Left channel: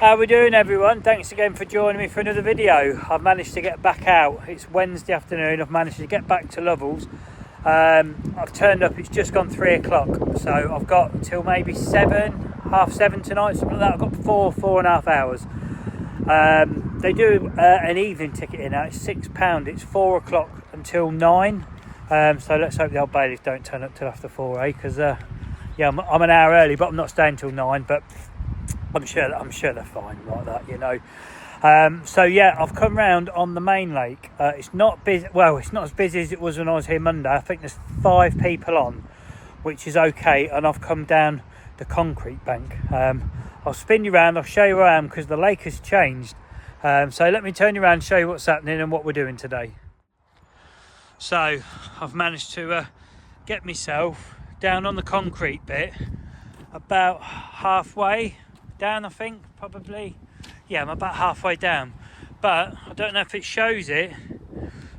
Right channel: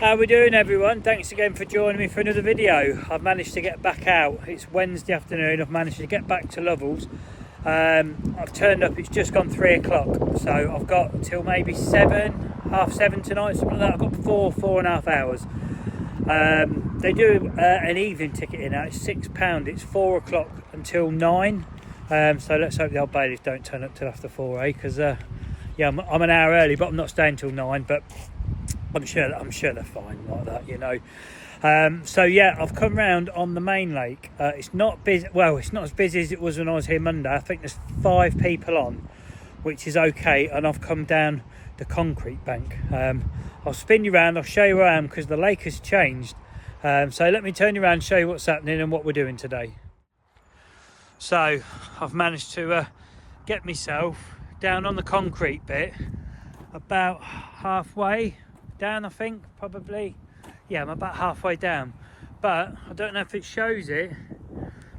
How we doing, everyone? Thanks again for joining me for another video. I've managed to get back out. It's Wednesday afternoon. I've managed to get back to Lovells. I've turned up, it's just gone 3 o'clock, so I've got till maybe 7, half 7 tonight, something like that. I've got 4.5 hours. They do an evening ticket in now. It's £6. It's 4 o'clock until 9. So let's hope the old bailies don't turn up till after 4, because yeah, I'm an hour early, but I'm not staying till 9. But I'm sure they're fine like that, you know. So yeah, I've come round on the main lake. It's not busy. Well, it's not as busy as it was when I was here Monday. I think there's 5 people on, which is okay. And I've come down the concrete bank. I'll spin you around. I'll show you where I am because the lake has changed. So let me turn you around and show you what's happening and what we're doing today. So I've managed to get myself down on the concrete bit, about halfway down, I think, probably. Yeah, I'm about halfway down, but I don't know if it shows it,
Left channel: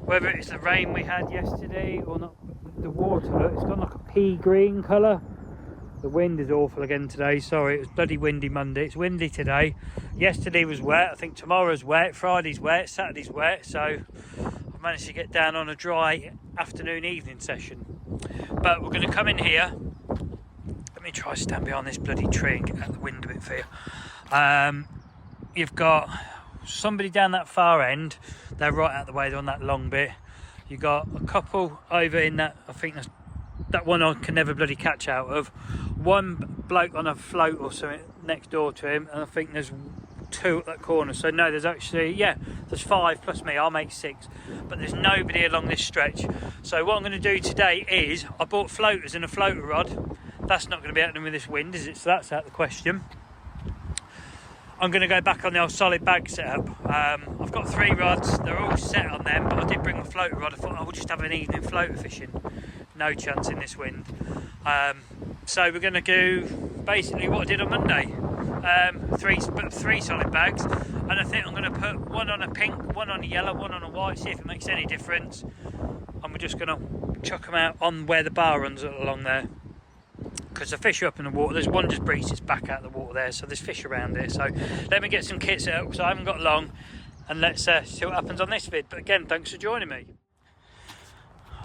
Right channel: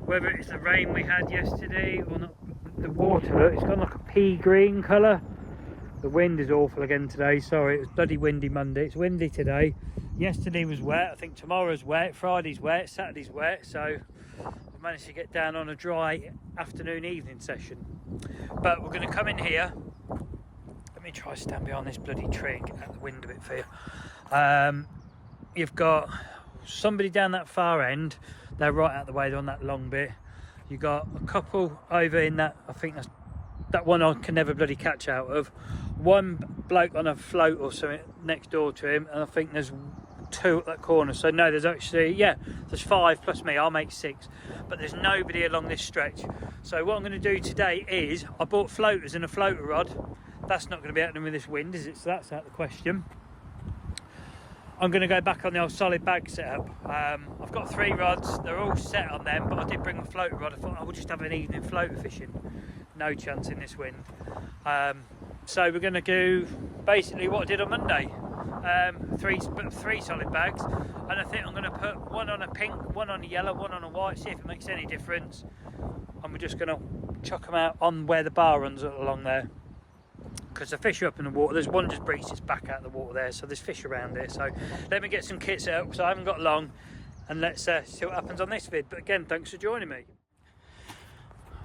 whether it's the rain we had yesterday or not. The water, look, it's got like a pea green colour. The wind is awful again today. Sorry, it was bloody windy Monday. It's windy today. Yesterday was wet. I think tomorrow's wet, Friday's wet, Saturday's wet. So I've managed to get down on a dry afternoon evening session. But we're going to come in here. Let me try to stand behind this bloody tree and get out the wind a bit for you. You've got somebody down that far end. They're right out the way. They're on that long bit. You've got a couple over in that. I think that's that one I can never bloody catch out of. One bloke on a float or something next door to him, and I think there's 2 at that corner. So no, there's actually, yeah, there's 5 plus me. I'll make 6, but there's nobody along this stretch. So what I'm going to do today is I bought floaters and a floater rod. That's not going to be happening with this wind, is it? So that's out of the question. I'm going to go back on the old solid bag setup. I've got 3 rods. They're all set on them, but I did bring my floater rod. I thought I would just have an evening floater fishing. No chance in this wind. So we're going to do basically what I did on Monday. 3 solid bags, and I think I'm going to put one on a pink, one on a yellow, one on a white, see if it makes any difference. And we're just going to chuck them out on where the bar runs along there, because the fish are up in the water. There's one just breached its back out of the water there, so there's fish around it. So let me get some kits out because I haven't got long, and let's see what happens on this vid. But again, thanks for joining me.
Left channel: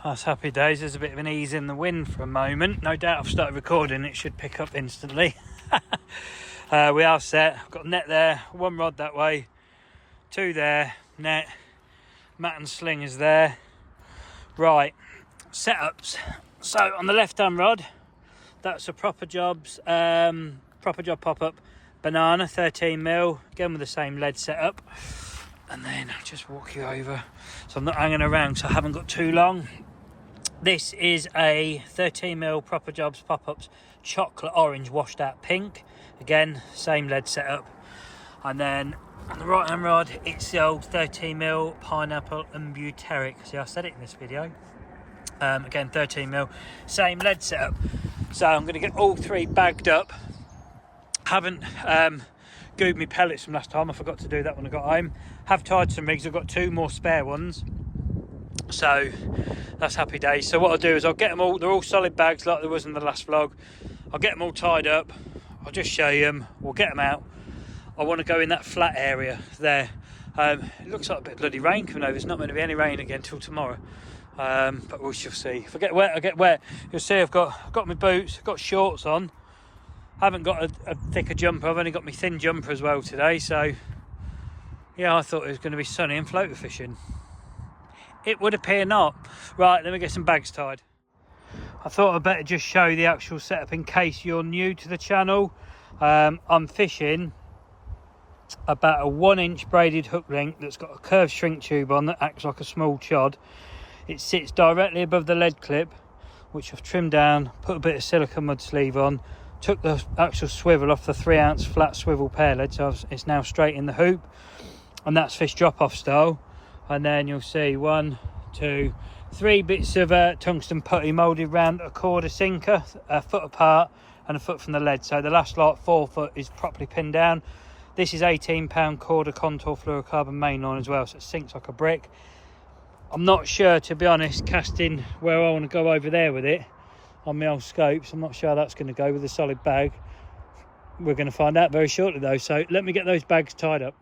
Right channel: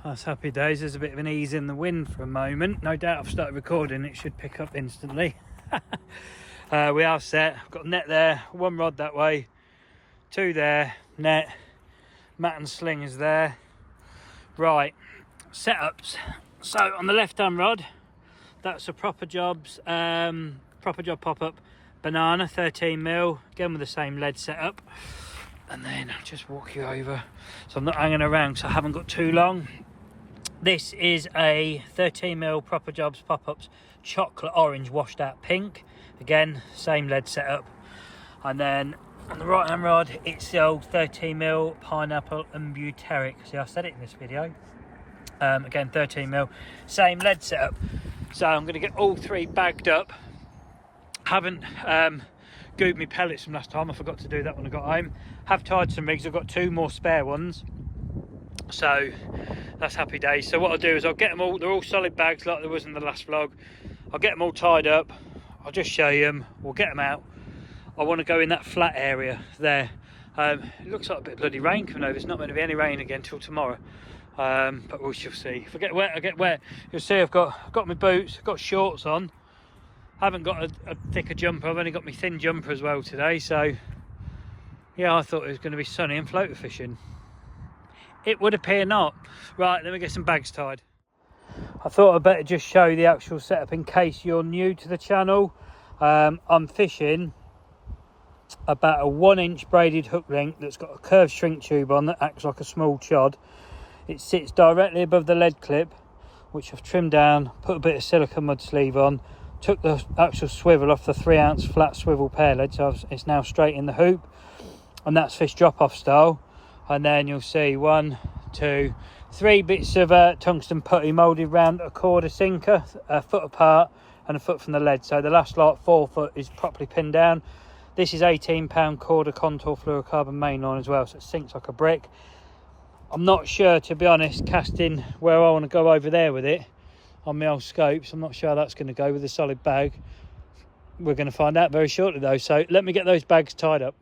That's happy days. There's a bit of an ease in the wind for a moment. No doubt I've started recording, it should pick up instantly. We are set. I've got net there, 1 rod that way, 2 there, net, mat and sling is there. Right, setups. So on the left hand rod, that's a Proper Jobs Proper Job pop-up banana, 13mm, again with the same lead setup. And then I'll just walk you over, so I'm not hanging around, so I haven't got too long. This is a 13mm Proper Jobs pop-ups chocolate orange washed out pink. Again, same lead setup. And then on the right hand rod, it's the old 13mm pineapple and butyric. See, I said it in this video. Again, 13mm, same lead setup. So I'm going to get all 3 bagged up. Haven't gooed me pellets from last time. I forgot to do that when I got home. Have tied some rigs. I've got 2 more spare ones. So that's happy days. So what I'll do is I'll get them all. They're all solid bags like there was in the last vlog. I'll get them all tied up. I'll just show you them. We'll get them out. I want to go in that flat area there. It looks like a bit of bloody rain coming over. There's not going to be any rain again till tomorrow. But we shall see. If I get wet, I get wet. You'll see I've got my boots, I've got shorts on. Haven't got a thicker jumper. I've only got my thin jumper as well today. So yeah, I thought it was going to be sunny and floater fishing. It would appear not. Right, let me get some bags tied. I thought I'd better just show you the actual setup in case you're new to the channel. I'm fishing about a 1-inch braided hook length that's got a curved shrink tube on that acts like a small chod. It sits directly above the lead clip, which I've trimmed down, put a bit of silicone mud sleeve on, took the actual swivel off the 3-ounce flat swivel pair lead, so it's now straight in the hoop, and that's fish drop-off style. And then you'll see 1, 2, 3 bits of tungsten putty moulded round a KORDA sinker, a foot apart and a foot from the lead. So the last lot, 4 foot, is properly pinned down. This is 18-pound KORDA contour fluorocarbon mainline as well, so it sinks like a brick. I'm not sure, to be honest, casting where I want to go over there with it on my old scopes. I'm not sure how that's going to go with a solid bag. We're going to find out very shortly though, so let me get those bags tied up.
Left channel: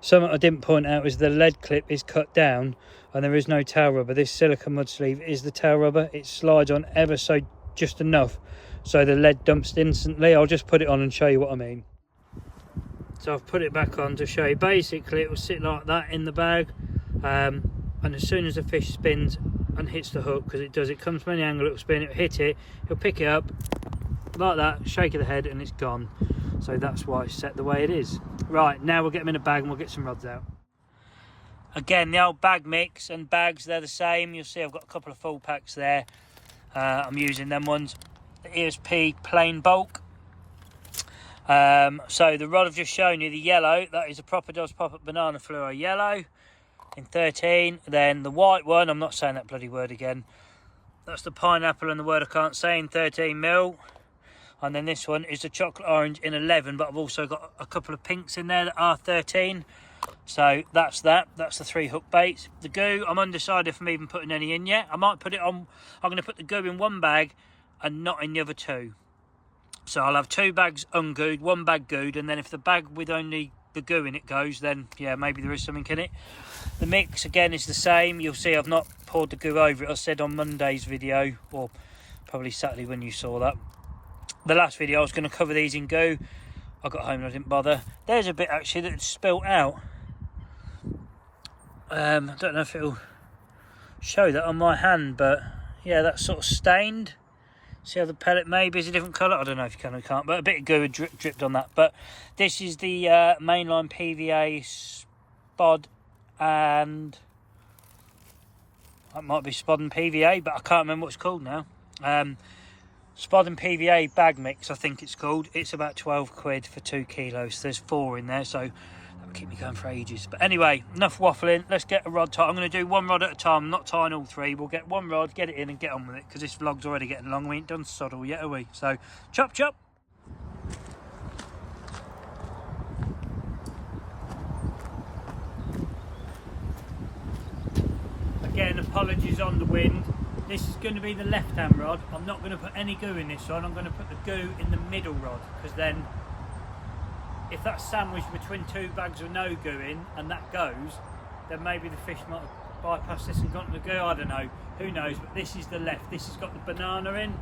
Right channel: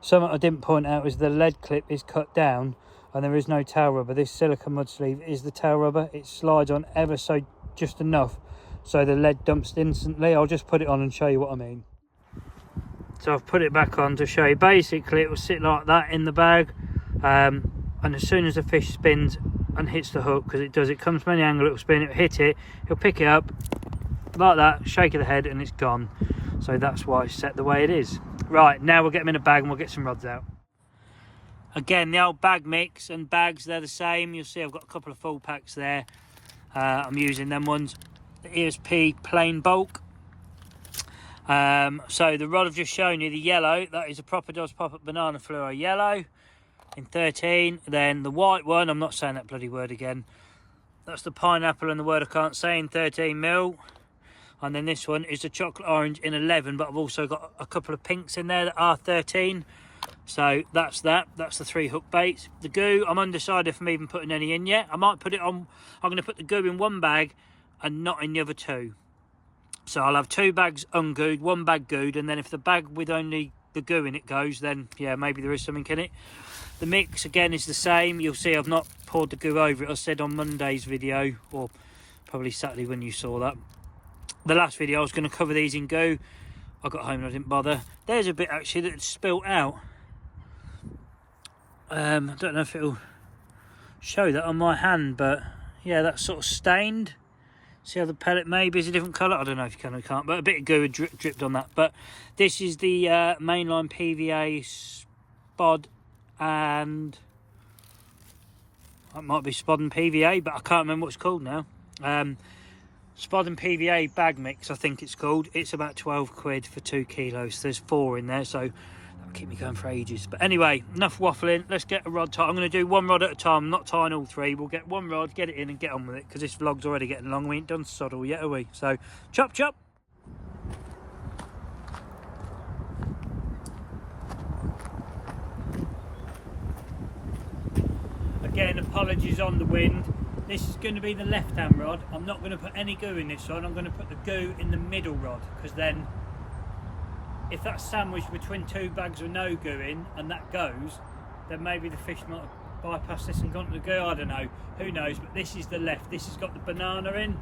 Something I didn't point out is the lead clip is cut down and there is no tail rubber. This silicone mud sleeve is the tail rubber. It slides on ever so just enough so the lead dumps instantly. I'll just put it on and show you what I mean. So I've put it back on to show you. Basically it will sit like that in the bag, and as soon as the fish spins and hits the hook, because it comes from any angle, it will spin, it will hit it, he'll pick it up like that, shake of the head, and it's gone. So that's why it's set the way it is. Right, now we'll get them in a bag and we'll get some rods out. Again, the old bag mix and bags, they're the same. You'll see I've got a couple of full packs there. I'm using them ones. The ESP plain bulk. So the rod I've just shown you, the yellow, that is a Proper Does Pop-Up Banana Fluoro Yellow in 13. Then the white one, I'm not saying that bloody word again. That's the pineapple and the word I can't say in 13mm. And then this one is the chocolate orange in 11, but I've also got a couple of pinks in there that are 13. So that's that. That's the 3 hook baits. The goo, I'm undecided if I'm even putting any in yet. I might put it on. I'm going to put the goo in one bag and not in the other 2. So I'll have 2 bags ungooed, 1 bag gooed, and then if the bag with only the goo in it goes, then yeah, maybe there is something in it. The mix again is the same. You'll see I've not poured the goo over it. I said on Monday's video, or probably Saturday when you saw that. The last video I was going to cover these in goo. I got home and I didn't bother. There's a bit actually that's spilt out. I don't know if it'll show that on my hand, but yeah, that's sort of stained. See how the pellet maybe is a different colour? I don't know if you can or can't, but a bit of goo had dripped on that. But this is the Mainline PVA spod, and that might be spod and PVA, but I can't remember what it's called now. Spod and PVA bag mix, I think it's called. It's about 12 quid for 2 kilos. There's 4 in there, so that'll keep me going for ages. But anyway, enough waffling. Let's get a rod tied. I'm going to do 1 rod at a time. I'm not tying all 3. We'll get 1 rod, get it in and get on with it, because this vlog's already getting long. We ain't done sod all yet, are we? So, chop, chop. Again, apologies on the wind. This is going to be the left-hand rod. I'm not going to put any goo in this one. I'm going to put the goo in the middle rod, because then if that's sandwiched between 2 bags of no goo in and that goes, then maybe the fish might have bypassed this and gone to the goo. I don't know. Who knows? But this is the left. This has got the banana in.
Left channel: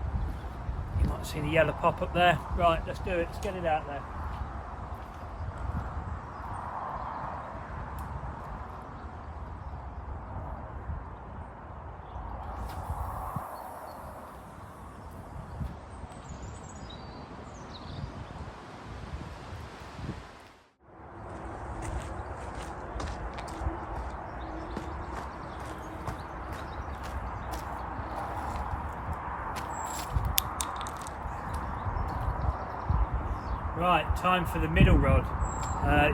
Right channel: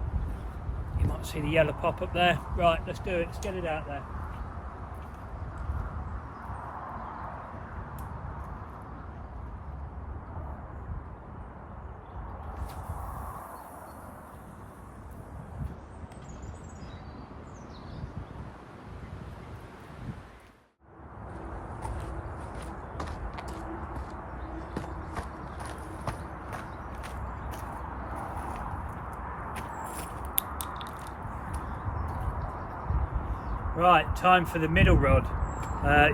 You might see the yellow pop up there. Right, let's do it. Let's get it out there. Right, time for the middle rod.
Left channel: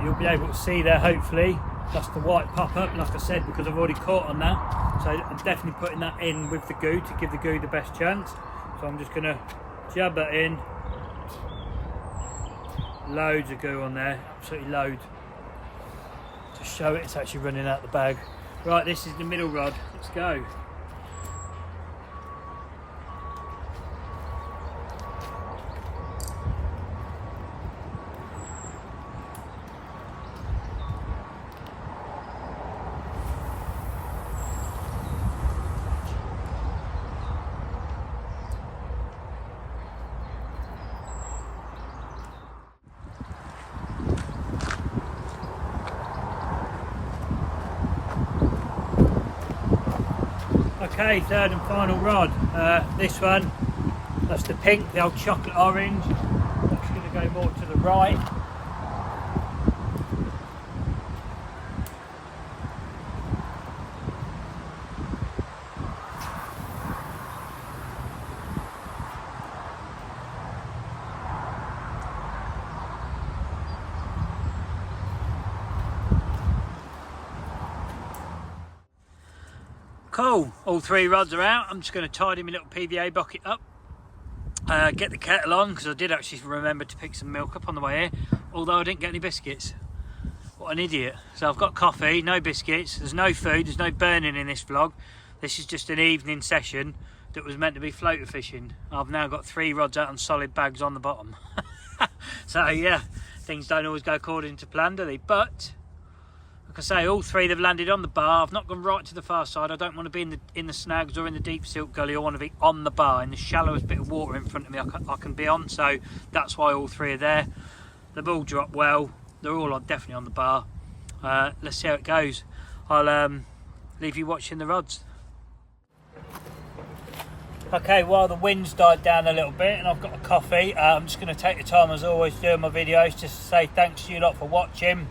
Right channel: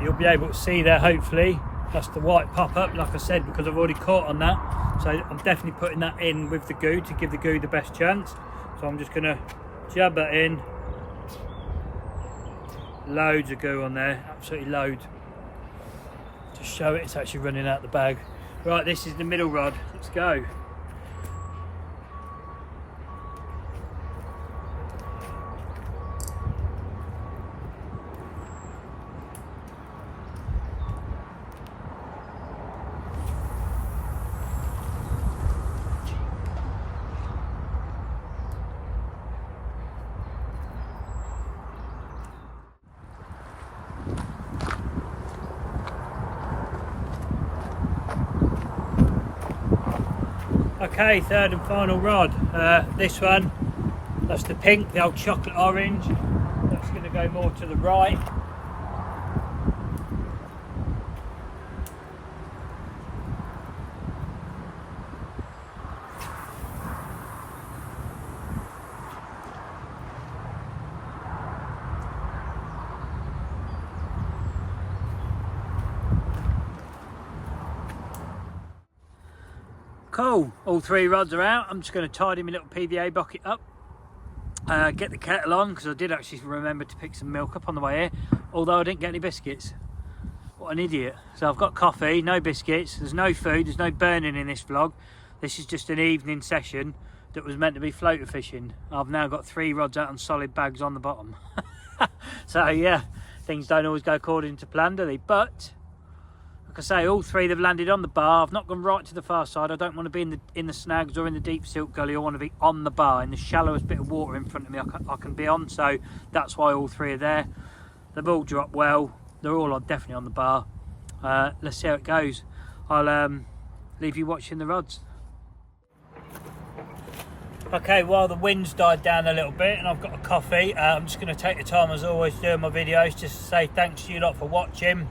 You'll be able to see there, hopefully. That's the white pop-up, like I said, because I've already caught on that. So I'm definitely putting that in with the goo to give the goo the best chance. So I'm just going to jab that in. Loads of goo on there, absolutely loads. To show it's actually running out the bag. Right, this is the middle rod. Let's go. Okay, third and final rod. This one, that's the pink, the old chocolate orange. That's going to go more to the right. Cool, all 3 rods are out. I'm just going to tidy my little PVA bucket up, get the kettle on, because I did actually remember to pick some milk up on the way here, although I didn't get any biscuits. What an idiot. So I've got coffee, no biscuits, there's no food, there's no burning in this vlog. This is just an evening session that was meant to be floater fishing. I've now got 3 rods out on solid bags on the bottom. So yeah, things don't always go according to plan, do they? But like I say, all three they've landed on the bar. I've not gone right to the far side. I don't want to be in the snags or in the deep silt gully. I want to be on the bar in the shallowest bit of water in front of me I can be on. So that's why all three are there. They've all dropped well. They're all definitely on the bar. Let's see how it goes. I'll leave you watching the rods. Okay, while the wind's died down a little bit and I've got a coffee, I'm just going to take the time as always doing my videos just to say thanks to you lot for watching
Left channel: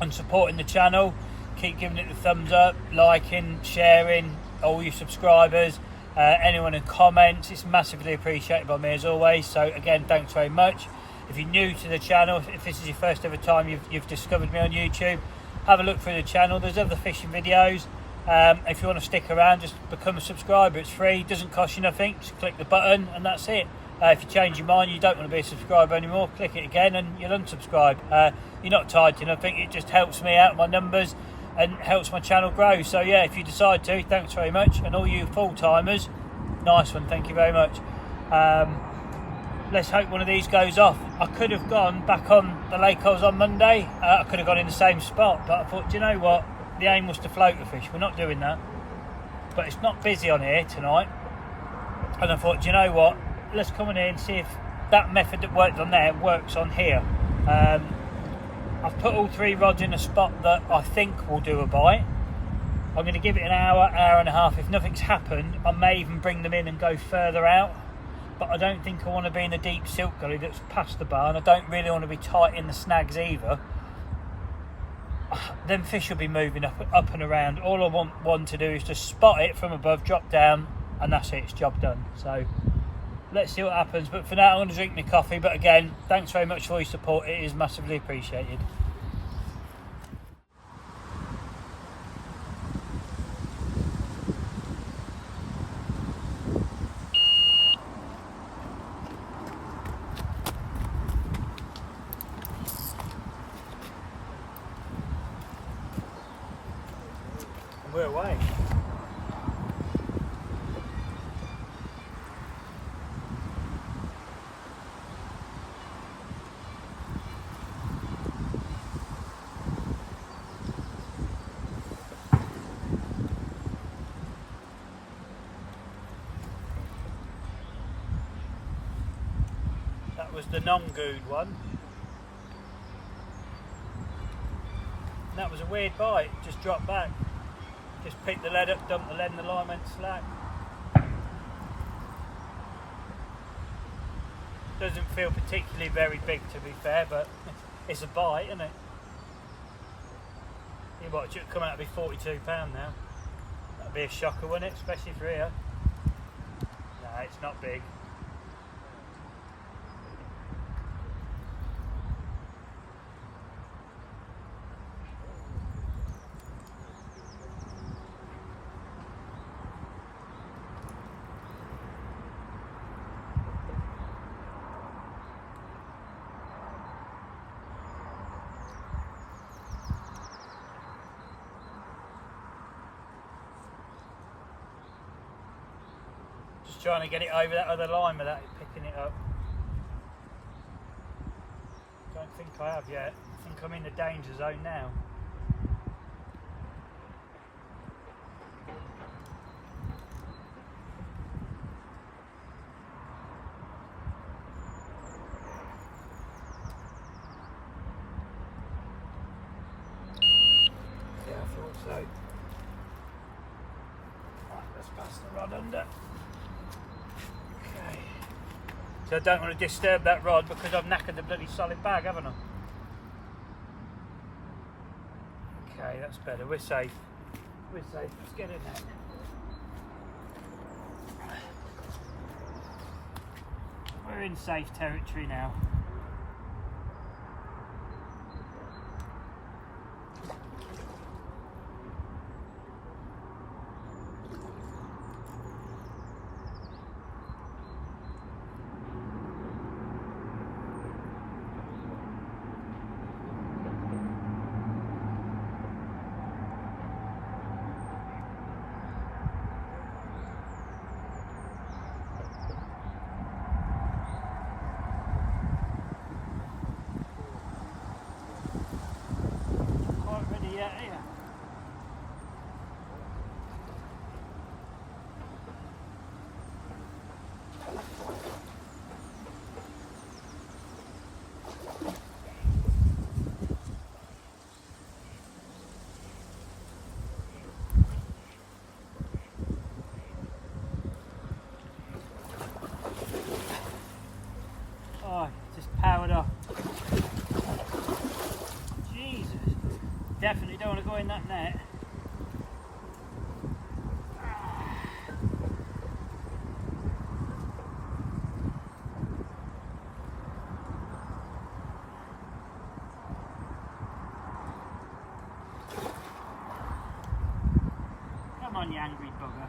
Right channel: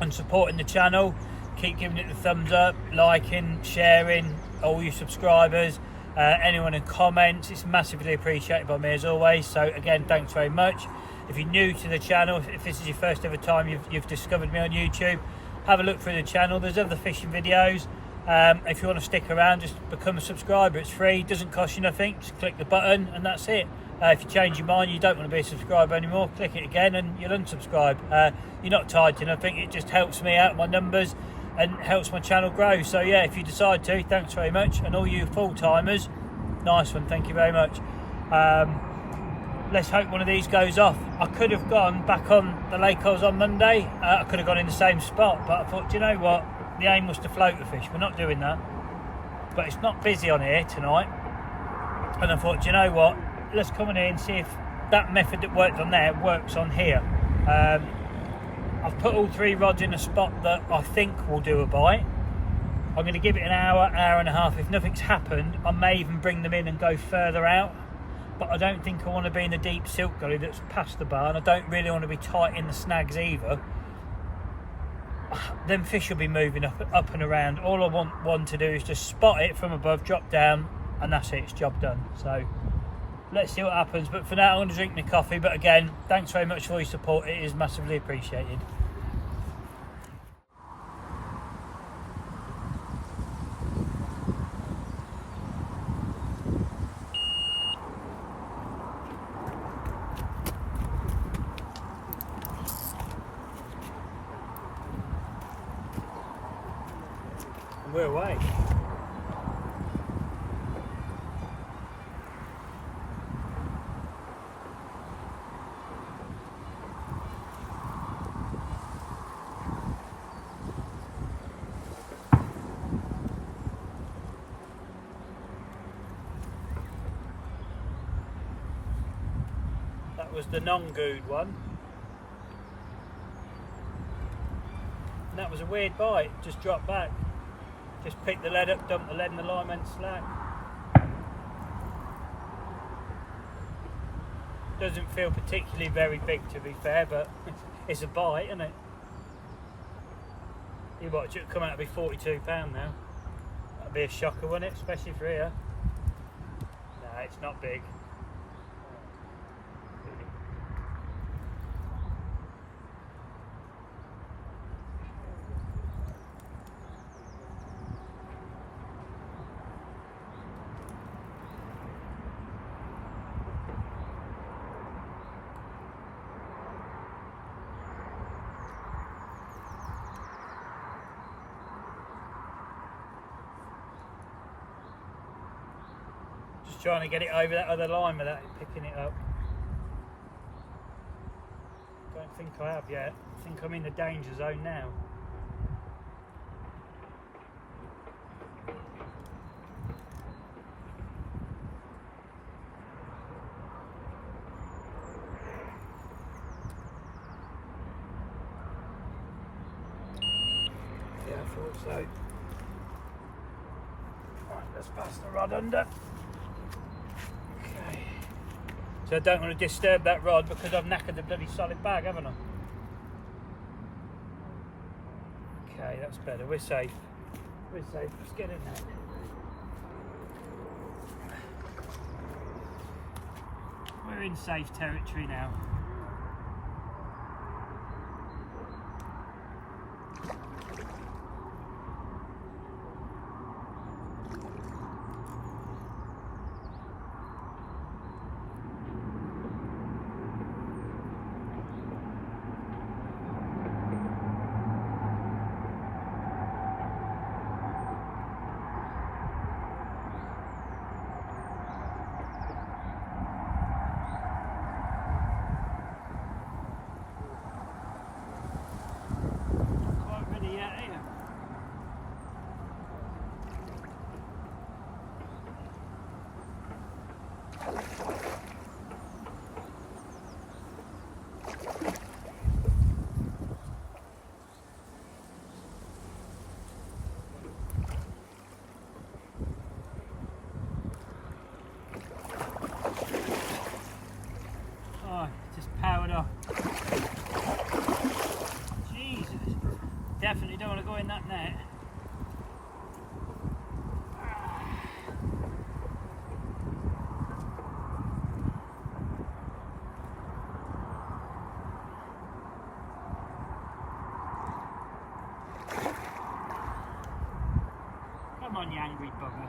and supporting the channel. Keep giving it the thumbs up, liking, sharing, all your subscribers, anyone in comments. It's massively appreciated by me as always. So again, thanks very much. If you're new to the channel, if this is your first ever time you've discovered me on YouTube, have a look through the channel. There's other fishing videos. If you want to stick around, just become a subscriber. It's free, doesn't cost you nothing. Just click the button and that's it. If you change your mind, you don't want to be a subscriber anymore, click it again and you'll unsubscribe. You're not tied to nothing. It just helps me out, my numbers, and helps my channel grow. So yeah, if you decide to, thanks very much. And all you full-timers, nice one, thank you very much. Let's hope one of these goes off. I could have gone back on the lake I was on Monday. I could have gone in the same spot, but I thought, do you know what? The aim was to float the fish. We're not doing that. But it's not busy on here tonight. And I thought, do you know what? Let's come in here and see if that method that worked on there works on here. I've put all three rods in a spot that I think will do a bite. I'm going to give it an hour, hour and a half. If nothing's happened, I may even bring them in and go further out. But I don't think I want to be in the deep silt gully that's past the bar, and I don't really want to be tight in the snags either. Them fish will be moving up and around. All I want one to do is just spot it from above, drop down, and that's it, it's job done. So let's see what happens. But for now, I'm going to drink my coffee. But again, thanks very much for your support. It is massively appreciated. We're away. That was the non-good one. And that was a weird bite, just dropped back. Just picked the lead up, dumped the lead, and the line went slack. Doesn't feel particularly very big, to be fair, but it's a bite, isn't it? You watch it come out to be £42 now. That'd be a shocker, wouldn't it? Especially for here. No, it's not big. Trying to get it over that other line without it picking it up. Don't think I have yet. I think I'm in the danger zone now. Yeah, I thought so. Right, let's pass the rod under. So I don't want to disturb that rod because I've knackered the bloody solid bag, haven't I? Okay, that's better. We're safe. We're safe. Let's get in there. We're in safe territory now. don't want to go in that net. Come on, you angry bugger.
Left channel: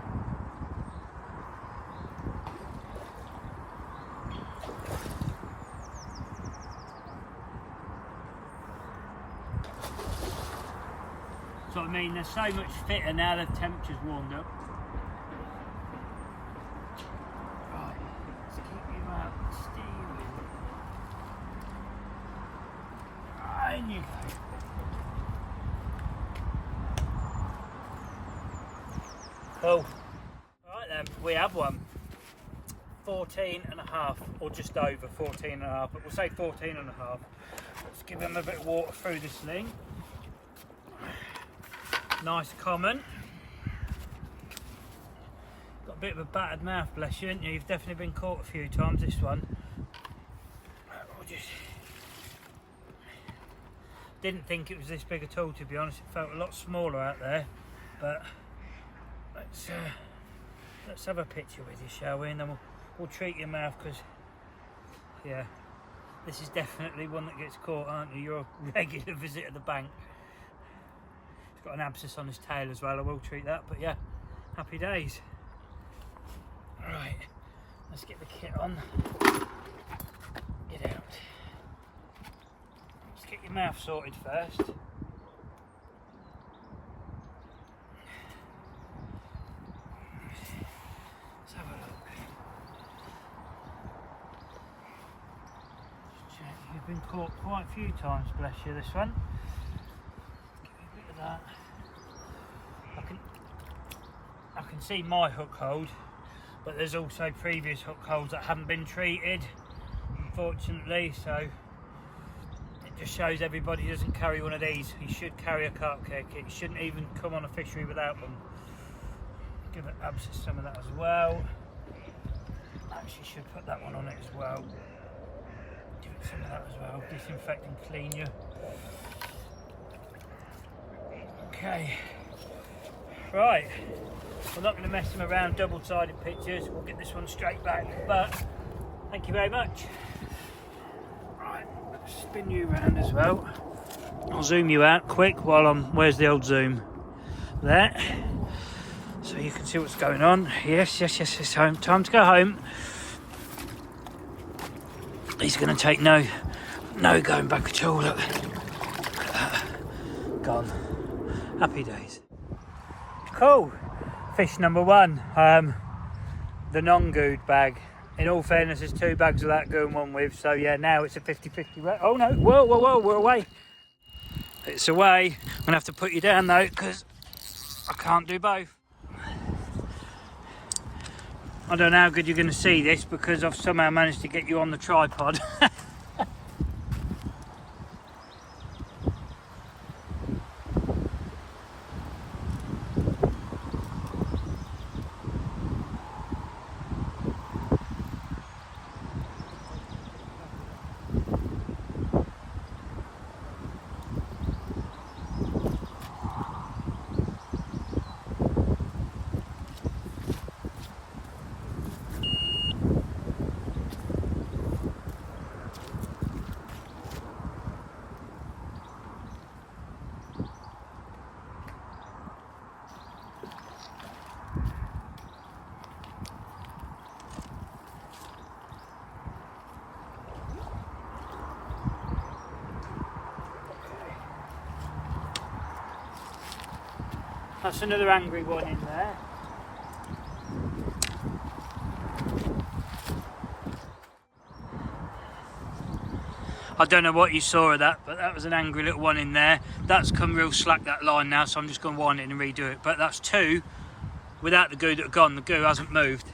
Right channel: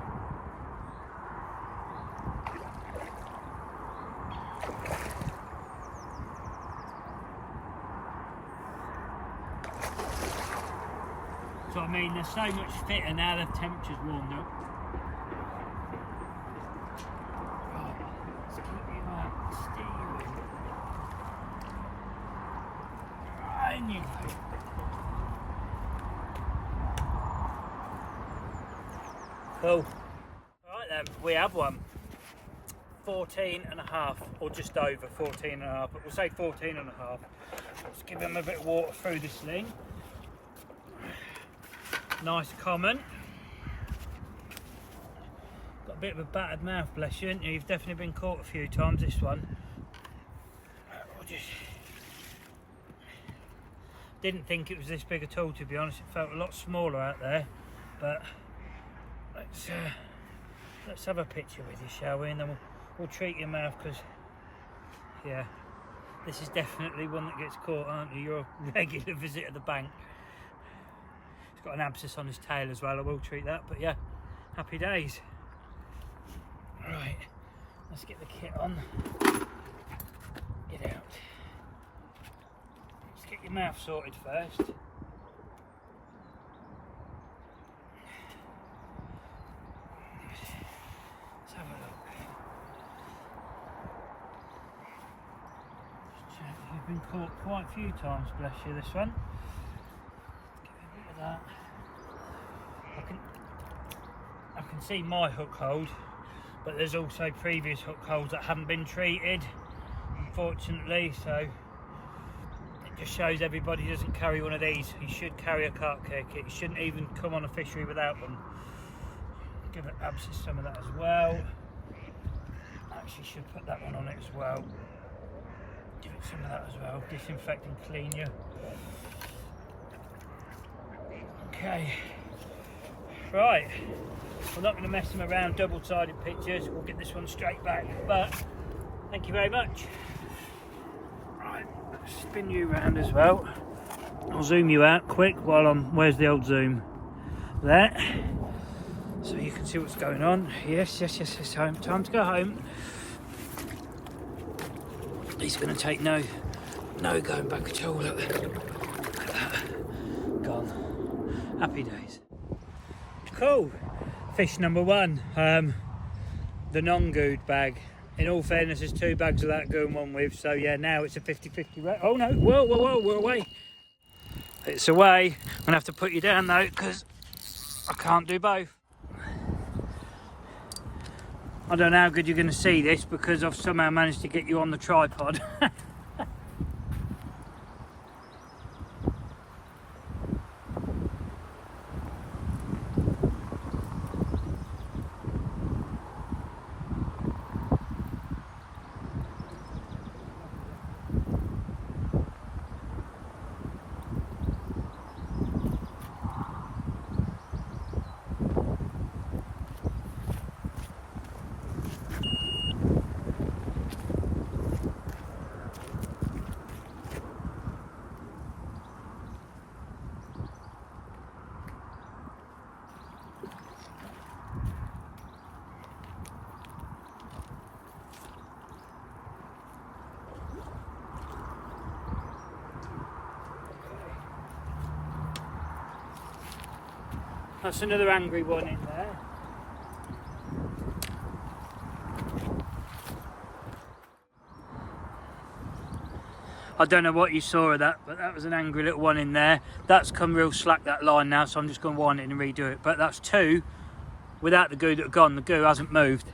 So I mean, they're so much fitter now the temperature's warmed up. Right, let's keep you out steering. Right, in you go. Cool. Right then, we have one. 14.5, or just over 14.5, but we'll say 14.5. Let's give him a bit of water through the sling. Nice common. Got a bit of a battered mouth, bless you. You've definitely been caught a few times, this one. Didn't think it was this big at all, to be honest. It felt a lot smaller out there, but let's have a picture with you, shall we? And then we'll treat your mouth, because yeah, this is definitely one that gets caught, aren't you? You're a regular visit at the bank. He's got an abscess on his tail as well. I will treat that, but yeah, happy days. Right, let's get the kit on. Get out. Let's get your mouth sorted first. Let's have a look. You've been caught quite a few times, bless you, this one. Give me a bit of that. I can see my hook hold, but there's also previous hook holds that haven't been treated, unfortunately, so it just shows everybody doesn't carry one of these. You should carry a carp care kit. You shouldn't even come on a fishery without one. Give it abscess some of that as well. Actually should put that one on it as well. Give it some of that as well. Disinfect and clean you. Okay. Right. We're not going to mess them around double-sided pictures. We'll get this one straight back. But thank you very much. Right. Let's spin you around as well. I'll zoom you out quick while I'm. Where's the old zoom? There. So you can see what's going on. Yes, it's home. Time to go home. He's going to take no going back at all. Look at that. Gone. Happy days. Cool. Fish number one. The non-gooed bag. In all fairness, there's 2 bags of that going one with. So yeah, now it's a 50-50. Oh no! Whoa! We're away. It's away. I'm going to have to put you down though, because I can't do both. I don't know how good you're going to see this, because I've somehow managed to get you on the tripod. That's another angry one in there. I don't know what you saw of that, but that was an angry little one in there. That's come real slack, that line now, so I'm just going to wind it and redo it. But that's 2 without the goo that have gone. The goo hasn't moved.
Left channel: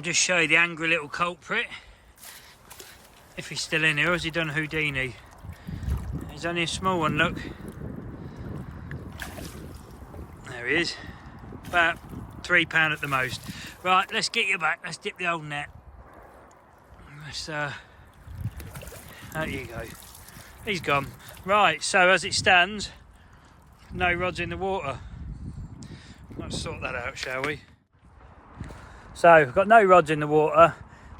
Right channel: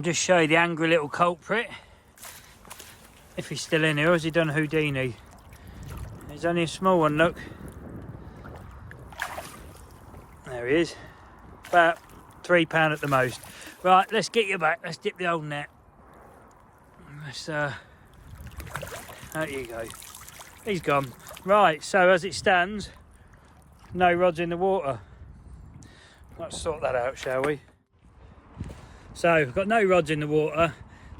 I'll just show you the angry little culprit. If he's still in here, or has he done Houdini? He's only a small one, look. There he is. About £3 at the most. Right, let's get you back. Let's dip the old net. Let's, there you go. He's gone. Right, so as it stands, no rods in the water. Let's sort that out, shall we? So, I've got no rods in the water.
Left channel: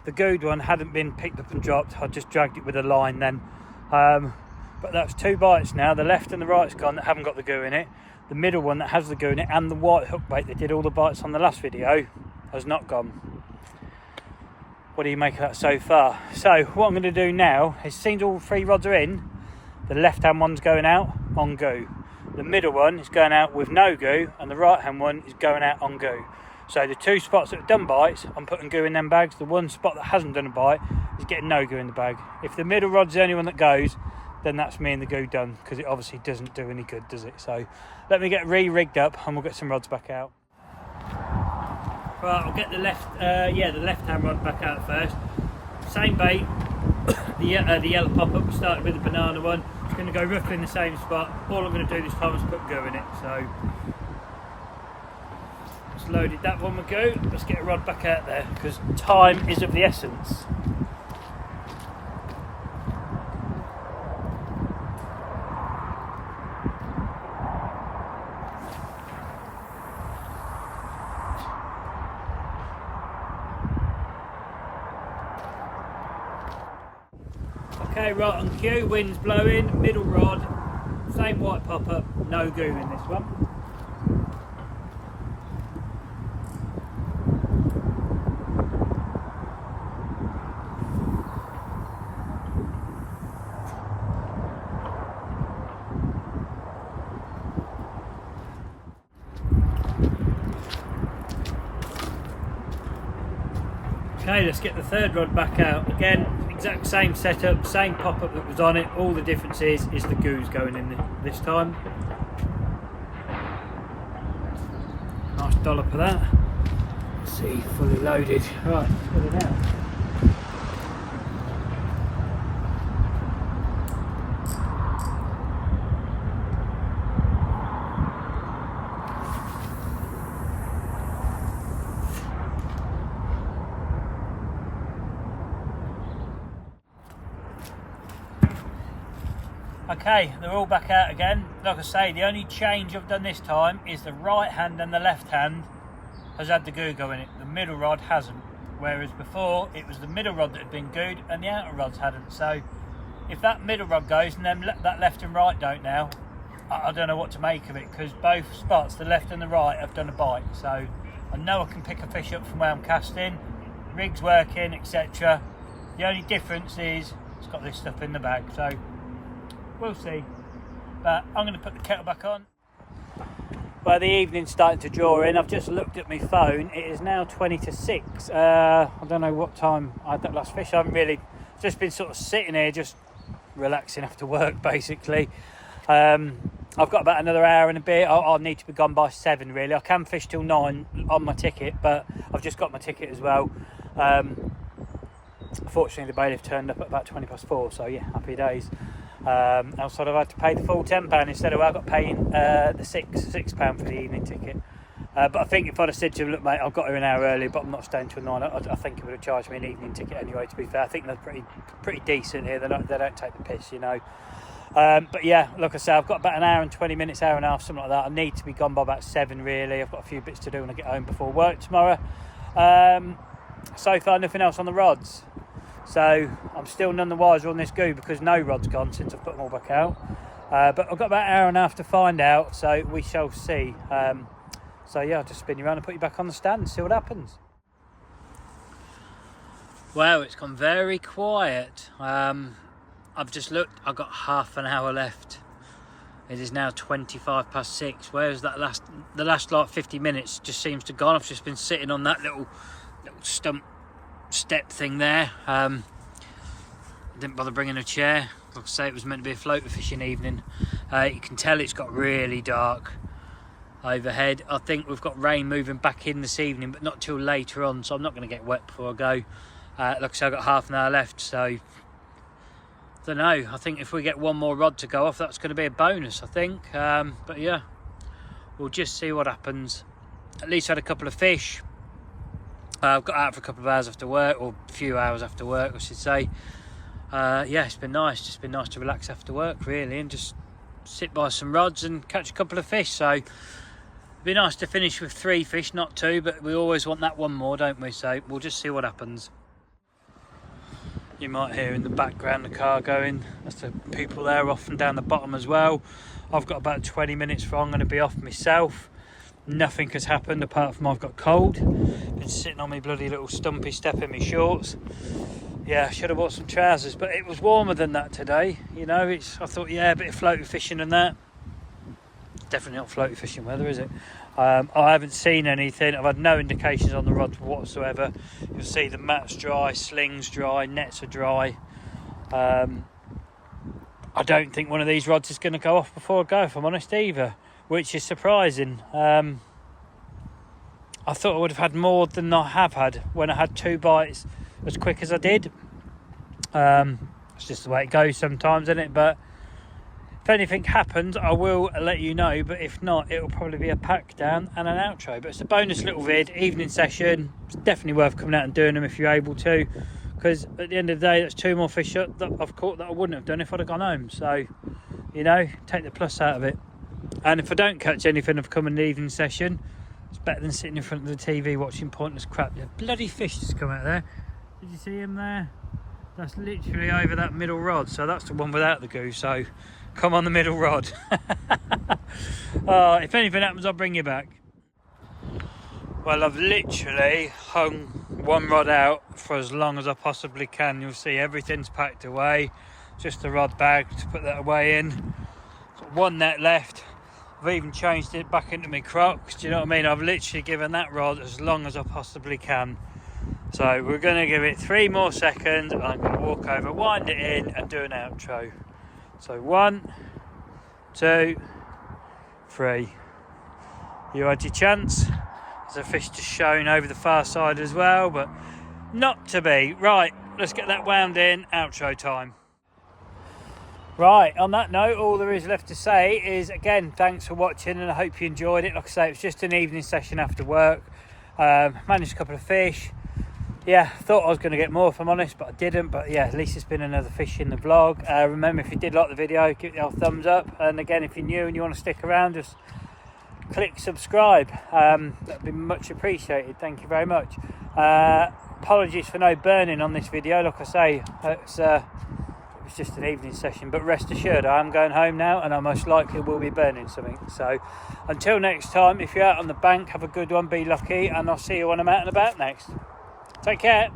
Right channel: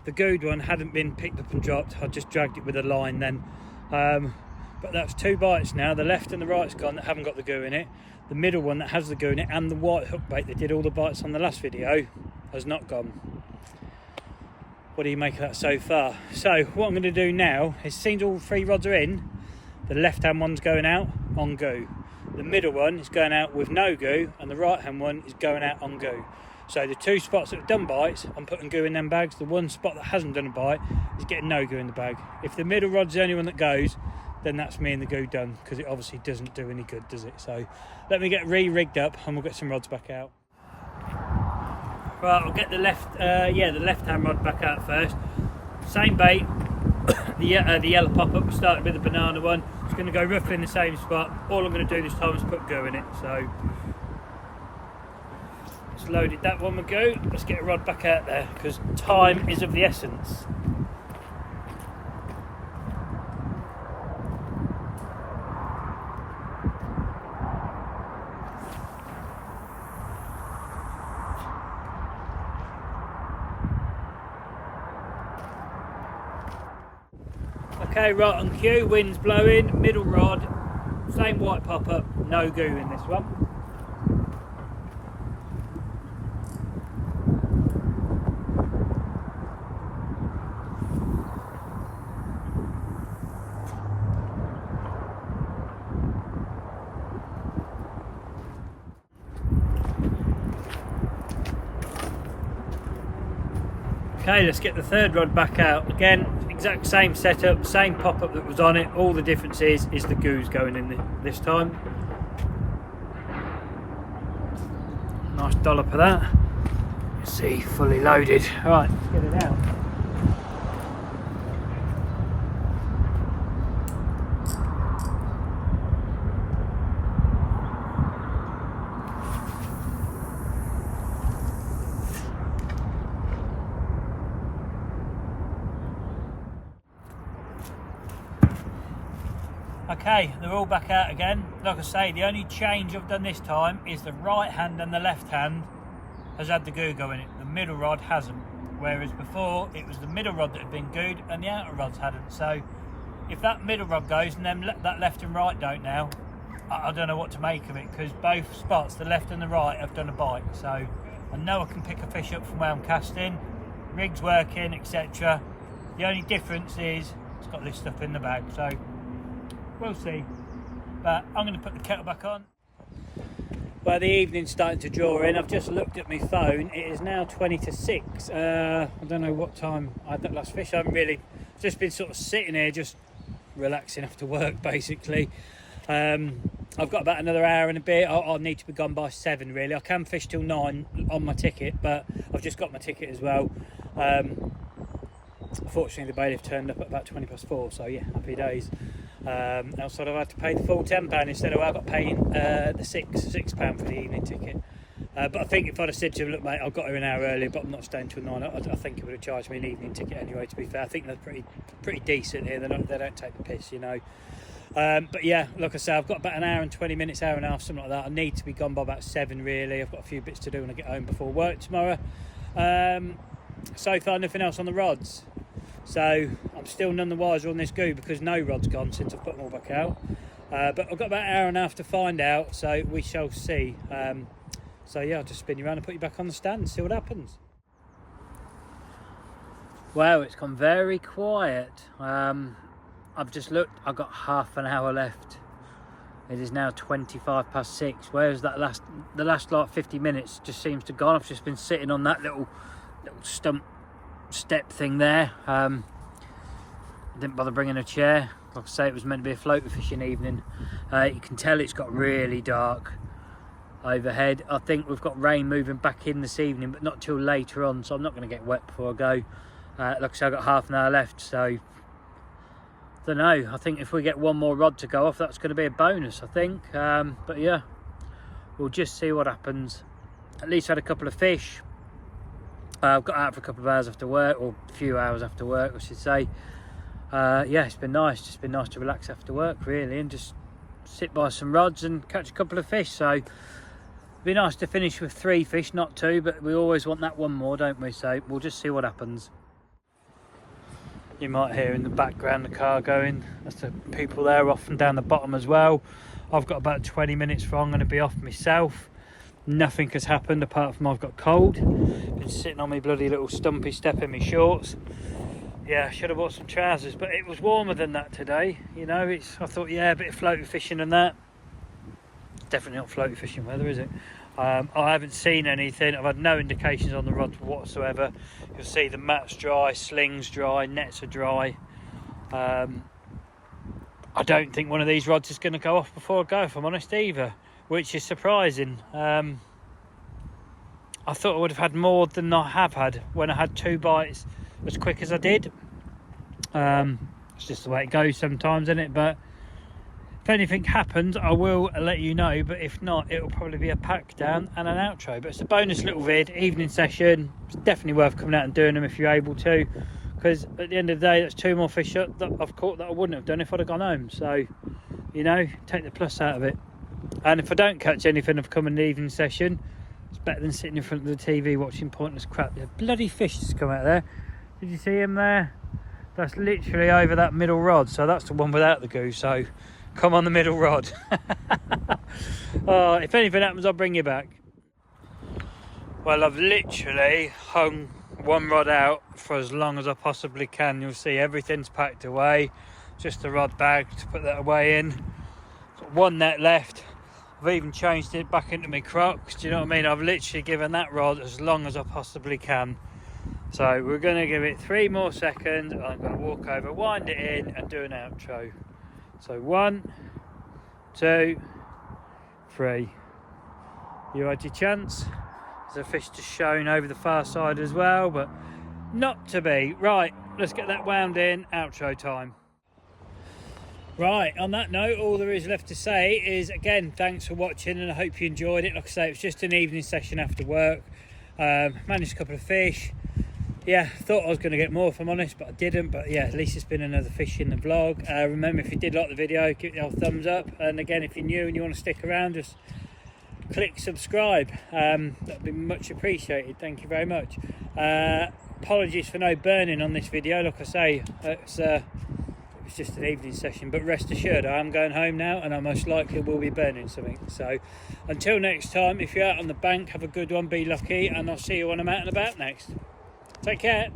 The good one hadn't been picked up and dropped. I just dragged it with a line then. But that's 2 bites now. The left and the right's gone that haven't got the goo in it. The middle one that has the goo in it and the white hook bait that did all the bites on the last video has not gone. What do you make of that so far? So what I'm going to do now is, since all 3 rods are in, the left hand one's going out on goo. The middle one is going out with no goo, and the right hand one is going out on goo. So the 2 spots that have done bites, I'm putting goo in them bags. The 1 spot that hasn't done a bite is getting no goo in the bag. If the middle rod's the only one that goes, then that's me and the goo done, because it obviously doesn't do any good, does it? So let me get re-rigged up and we'll get some rods back out. Right, I'll get the the left-hand rod back out first. Same bait, the yellow pop-up. We started with the banana one. It's going to go roughly in the same spot. All I'm going to do this time is put goo in it. So let's loaded that one with goo. Let's get a rod back out there, because time is of the essence. Okay, right on cue, wind's blowing, middle rod, same white pop-up, no goo in this one. Okay, let's get the 3rd rod back out. Again, exact same setup, same pop-up that was on it. All the difference is the goo's going in this time. Nice dollop of that. Let's see, fully loaded. Right, let's get it out. Okay, they're all back out again. Like I say, the only change I've done this time is the right hand and the left hand has had the goo go in it. The middle rod hasn't. Whereas before, it was the middle rod that had been gooed and the outer rods hadn't. So if that middle rod goes and then that left and right don't now, I don't know what to make of it, because both spots, the left and the right, have done a bite. So I know I can pick a fish up from where I'm casting, rig's working, etc. The only difference is it's got this stuff in the bag. So we'll see, but I'm going to put the kettle back on. Well, the evening's starting to draw in. I've just looked at my phone. It is now 20 to 6. I don't know what time I had that last fish. I haven't really, just been sort of sitting here, just relaxing after work, basically. I've got about another hour and a bit. I'll need to be gone by 7, really. I can fish till 9 on my ticket, but I've just got my ticket as well. Unfortunately, the bailiff turned up at about 4:20, so yeah, happy days. Else I'd have had to pay the full £10 instead of I got paying the £6 for the evening ticket. But I think if I'd have said to him, look mate, I've got here an hour early, but I'm not staying till 9, I think he would have charged me an evening ticket anyway, to be fair. I think they're pretty decent here. They don't take the piss, you know. But yeah, like I say, I've got about an hour and 20 minutes, hour and a half, something like that. I need to be gone by about 7 really. I've got a few bits to do when I get home before work tomorrow. So far nothing else on the rods. So I'm still none the wiser on this goo, because no rod's gone since I've put them all back out. But I've got about an hour and a half to find out, so we shall see. So yeah, I'll just spin you around and put you back on the stand and see what happens. Wow, it's gone very quiet. I've just looked, I've got half an hour left. It is now 6:25, whereas the last like 50 minutes just seems to have gone. I've just been sitting on that little stump step thing there. Didn't bother bringing a chair. Like I say, it was meant to be a floater fishing evening. You can tell it's got really dark. overhead. I think we've got rain moving back in this evening, but not till later on, so I'm not going to get wet before I go. Like I said, I've got half an hour left, so I don't know. I think if we get one more rod to go off, that's going to be a bonus, I think. But yeah, we'll just see what happens. At least I had a couple of fish. I've got out for a couple of hours after work, or a few hours after work, I should say. Yeah, it's been nice. Just been nice to relax after work, really, and just sit by some rods and catch a couple of fish. So it'd be nice to finish with 3 fish, not 2, but we always want that one more, don't we? So we'll just see what happens. You might hear in the background the car going. That's the people there off and down the bottom as well. I've got about 20 minutes before I'm going to be off myself. Nothing has happened apart from I've got cold. Been sitting on my bloody little stumpy step in my shorts. Yeah, I should have bought some trousers, but it was warmer than that today. You know, I thought, yeah, a bit of floaty fishing and that. Definitely not floaty fishing weather, is it? I haven't seen anything. I've had no indications on the rods whatsoever. You'll see the mat's dry, slings dry, nets are dry. I don't think one of these rods is going to go off before I go, if I'm honest, either, which is surprising. I thought I would have had more than I have had when I had 2 bites as quick as I did. It's just the way it goes sometimes, isn't it? But if anything happens, I will let you know, but if not, it'll probably be a pack down and an outro. But it's a bonus little vid, evening session. It's definitely worth coming out and doing them if you're able to, because at the end of the day, that's 2 more fish that I've caught that I wouldn't have done if I'd have gone home. So, you know, take the plus out of it. And if I don't catch anything, I've come in the evening session. It's better than sitting in front of the TV watching pointless crap. There's bloody fish just come out there. Did you see him there? That's literally over that middle rod, so that's the one without the goose. So come on the middle rod. Oh, if anything happens, I'll bring you back. Well, I've literally hung 1 rod out for as long as I possibly can. You'll see everything's packed away, just a rod bag to put that away in. Got 1 net left. I've even changed it back into my Crocs. Do you know what I mean? I've literally given that rod as long as I possibly can. So we're going to give it 3 more seconds, and I'm going to walk over, wind it in and do an outro. So 1, 2, 3. You had your chance. There's a fish just showing over the far side as well, but not to be. Right, let's get that wound in. Outro time. Right, on that note, all there is left to say is, again, thanks for watching, and I hope you enjoyed it. Like I say, it was just an evening session after work. Managed a couple of fish. Yeah, thought I was going to get more, if I'm honest, but I didn't. But yeah, at least it's been another fish in the vlog. Remember, if you did like the video, give it a thumbs up. And again, if you're new and you want to stick around, just click subscribe. That'd be much appreciated. Thank you very much. Apologies for no burning on this video. Like I say, it was just an evening session, but rest assured, I am going home now, and I most likely will be burning something. So until next time, if you're out on the bank, have a good one, be lucky, and I'll see you when I'm out and about next. Take care.